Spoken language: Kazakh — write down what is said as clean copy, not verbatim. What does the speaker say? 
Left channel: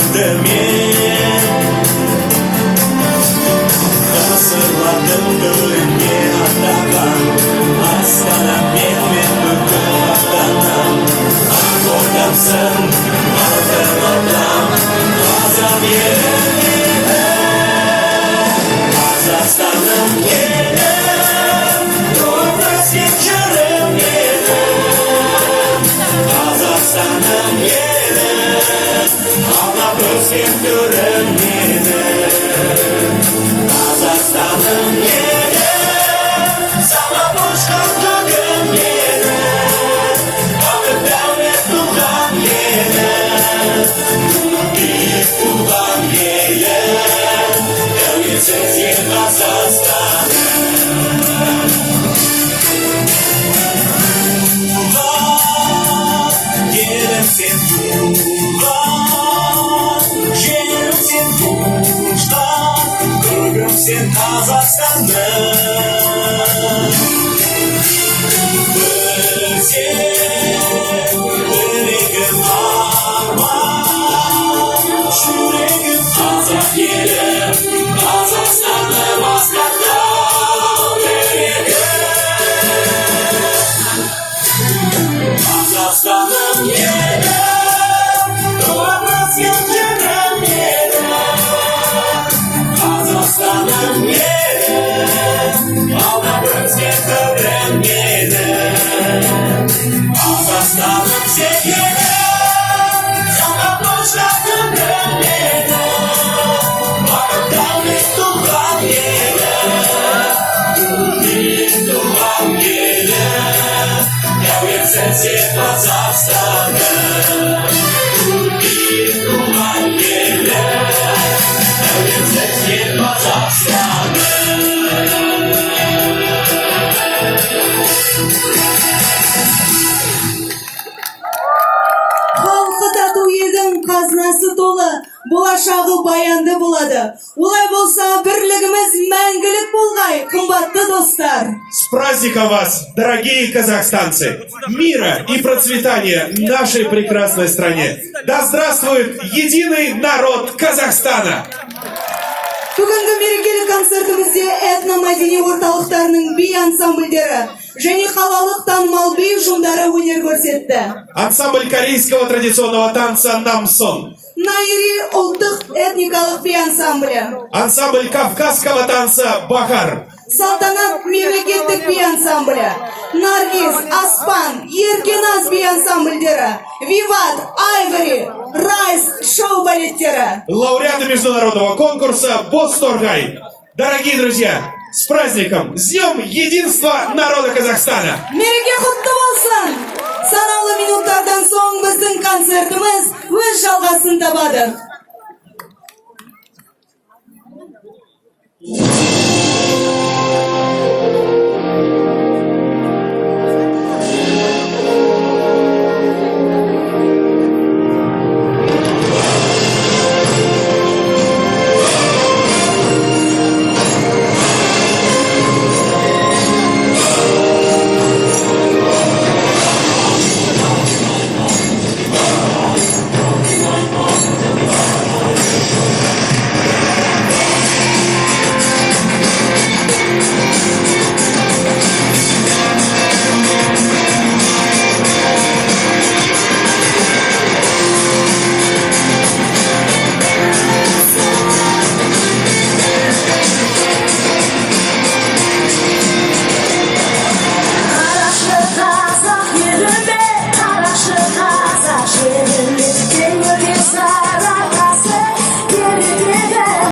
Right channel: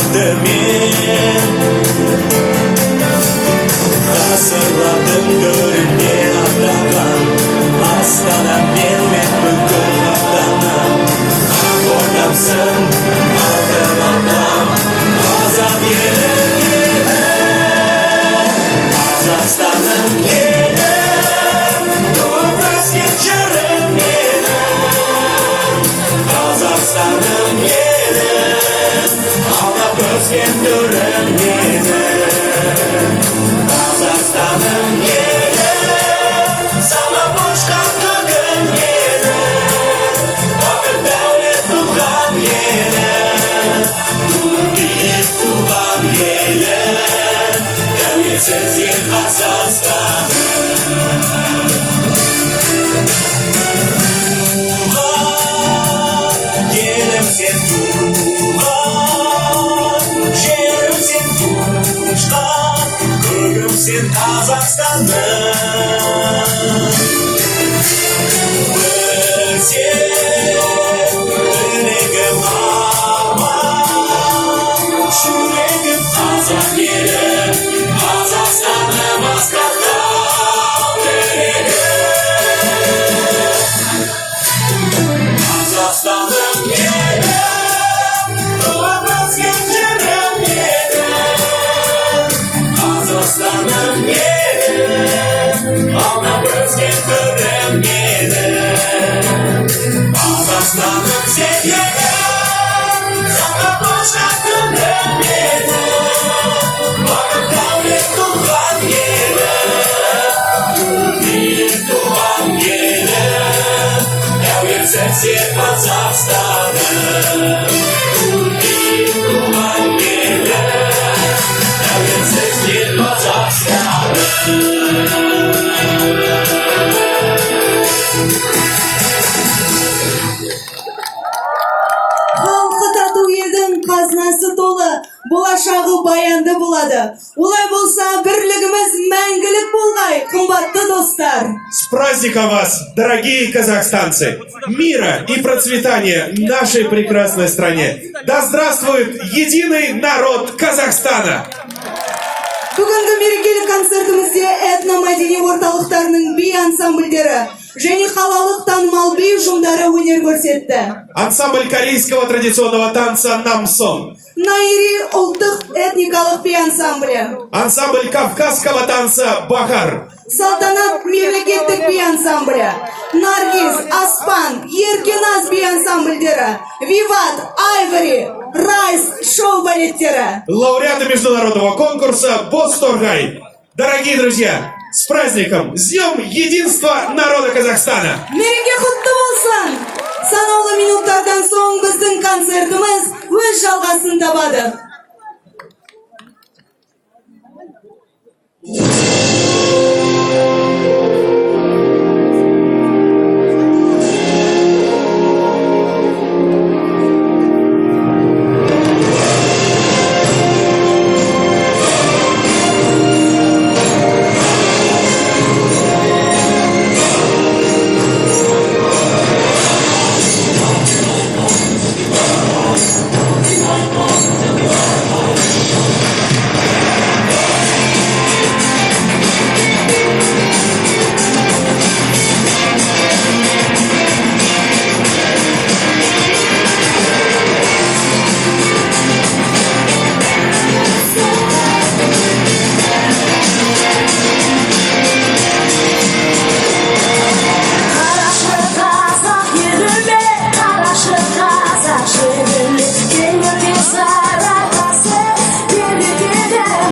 Kaldı men Hazırladım dünyadadan Astana men bugün atanan Korkamsın Kalkamadan Kazan yerine Kazastan'ın yerine Doğraz geçerim yerine Kazastan'ın yerine Ağla gözüm görüm yerine Kazastan'ın yerine Sana boş kalkın yerine Vakıf devlet tutan yerine Büyük tutan yerine Devletsiz yer Kazakstan'ın Yerim sen tuğlan Yerim sen tuşlan Görgüm sen Kazakstan'ın Sen Önegim arman Şüregim Kazak yerim Kazakstan'ın Maskat'ta Önegim Kazastan'ın yeri Doğraz geçerim yeri Kazastan'ın yeri Ağla göz geçerim yeri Kazastan'ın yeri Sana boş kalkın yeri Varıp devlet tutan yeri Büyük tutan yeri Devletsiz yer Kazakstan'ın Büyük tutan yeri Devletsiz yer Kazakstan'ın Халқы тату елдің қазынасы толы, болашағы баянды болады. Олай болса, бірлігіміз мәңгілік болғай, қымбатты достар. С праздником вас, дорогие казахстанцы! Мира и процветания нашей прекрасной стране! Да здравствует единый народ Казахстана! Бүгінгі мерекелік концертімізде этномәдени орталықтарының би ансамбльдері және қалалық танымал би ұжымдары өнер көрсетті. Ансамбль корейского традиционного танца «Намсон», Найри ұлттық этникалық би ансамблі, ансамбль кавказского танца «Бахар», Салтанат мемлекеттік би ансамблі, Наргиз, Аспан, Еркеназ би ансамбльдері, Виват, Айвори, Райс шоу балеттері. лауреаты международного конкурса «Босторгай». Дорогие друзья, с праздником! С Днем Единства народа Казахстана! Мереке құтты болсын! Санаулы минуттардан соң біздің концертіміз өз жалғасын табады.